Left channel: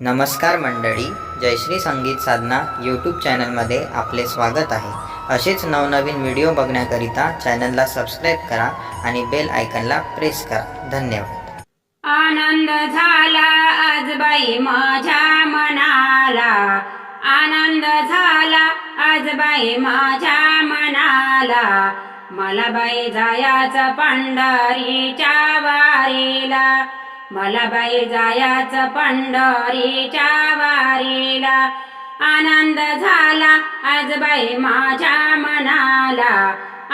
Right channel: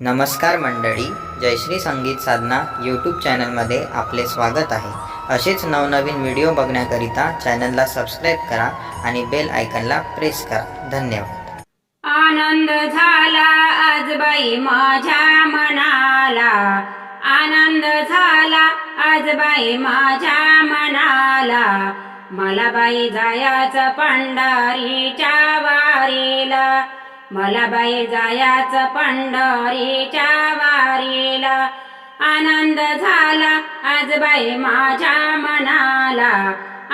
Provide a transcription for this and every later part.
नमस्कार मंडळी, जयश्री संगीत साधना यूट्यूब चॅनलमध्ये आपले स्वागत आहे। असेच नवनवीन व्हिडिओ बघण्याकरिता चॅनलला सबस्क्राईब करा आणि बेल आयकॉनला प्रेस करा। धन्यवाद। आनंद झाला आज बाई माझ्या मनाला, आनंद झाला आज बाई माझ्या मनाला। मला बाई जायाचं पंढरीच्या वारीला, मला बाई जायाचं पंढरीच्या वारीला। आनंद झाला आज बाई माझ्या मनाला,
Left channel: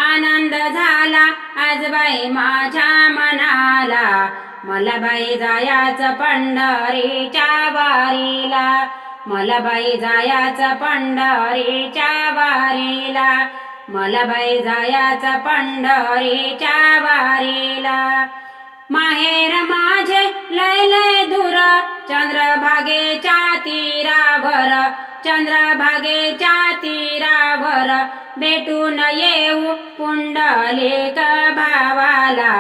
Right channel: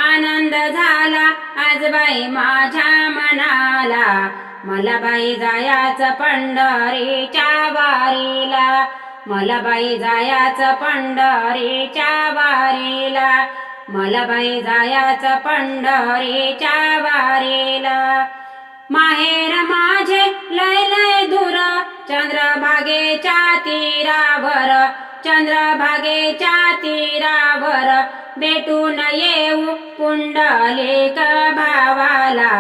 आनंद झाला आज बाई माझ्या मनाला। मला बाई जायाचं पंढरीच्या वारीला, मला बाई जायाचं पंढरीच्या वारीला, मला बाई जायाचं पंढरीच्या वारीला। माहेर माझे लय लय दूर, चंद्रभागेच्या तीरावर, चंद्रभागेच्या तीरावर। भेटून येऊ पुंडलिक भावाला,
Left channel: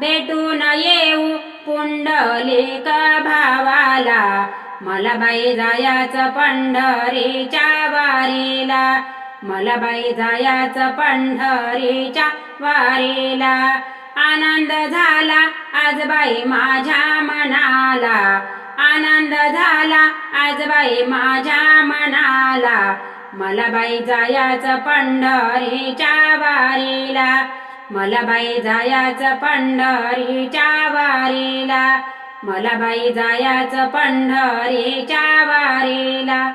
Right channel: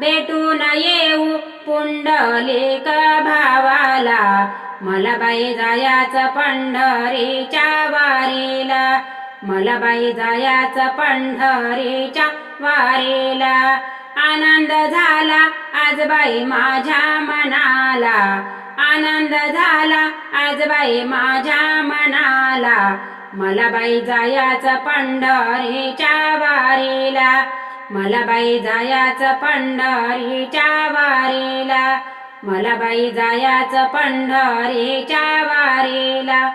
भेटून येऊ पुंडलिक भावाला। मला बाई जायाचं पंढरीच्या वारीला, मला बाई जायाचं पंढरीच्या वारीला। आनंद झाला आज बाई माझ्या मनाला, आनंद झाला आज बाई माझ्या मनाला। मला बाई जायाचं पंढरीच्या वारीला, मला बाई जायाचं पंढरीच्या वारीला, मला बाई जायाचं पंढरीच्या वारीला।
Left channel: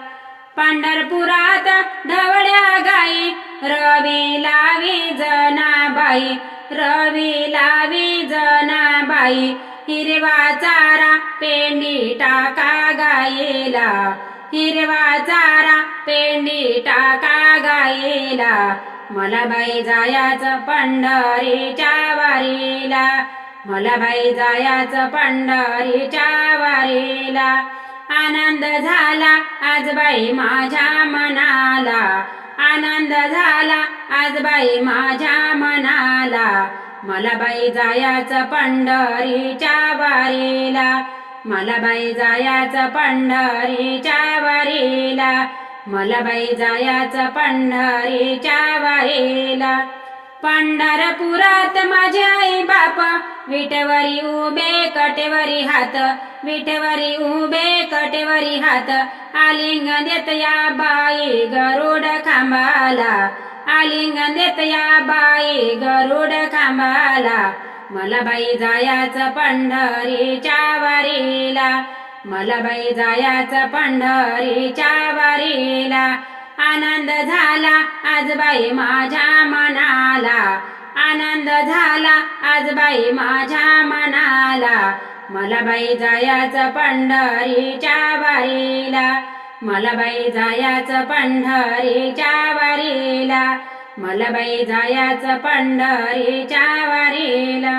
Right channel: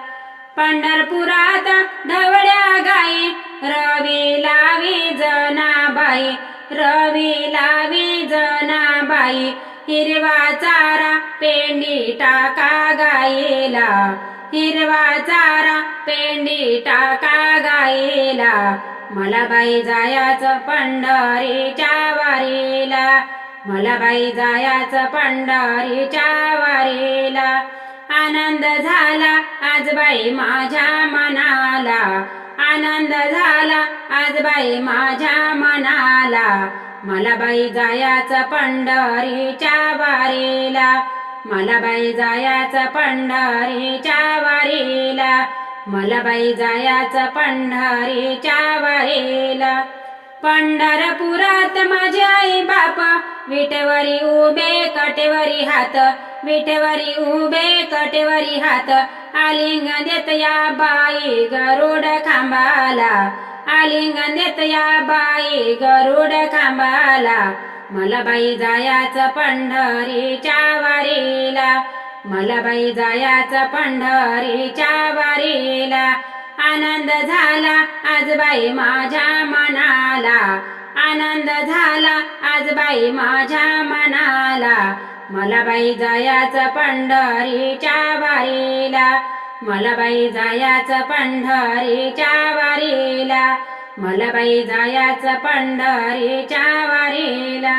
पंढरपुरात ढवळ्या गाई, रवी लावी जनाबाई, रवी लावी जनाबाई। हिरवा चारा पेंडी टाका गाईला, हिरवा चारा पेंडी टाका गाईला। मला बाई जायाचं पंढरीच्या वारीला, मला बाई जायाचं पंढरीच्या वारीला। आनंद झाला आज बाई माझ्या मनाला, आनंद झाला आज बाई माझ्या मनाला। मला बाई जायाचं पंढरीच्या वारीला, मला बाई जायाचं पंढरीच्या वारीला, मला बाई जायाचं पंढरीच्या वारीला। पंढरपुरात माझे आई बाप, विटेवरी उभे कटेवरी हात, विटेवरी उभे कटेवरी हात। आलिंगन देत या बाई गरुड खांबाला, आलिंगन देत या बाई गरुड खांबाला। मला बाई जायाचं पंढरीच्या वारीला, मला बाई जायाचं पंढरीच्या वारीला। आनंद झाला आज बाई माझ्या मनाला, आनंद झाला आज बाई माझ्या मनाला। मला बाई जायाचं पंढरीच्या वारीला, मला बाई जायाचं पंढरीच्या वारीला, मला बाई जायाचं पंढरीच्या वारीला।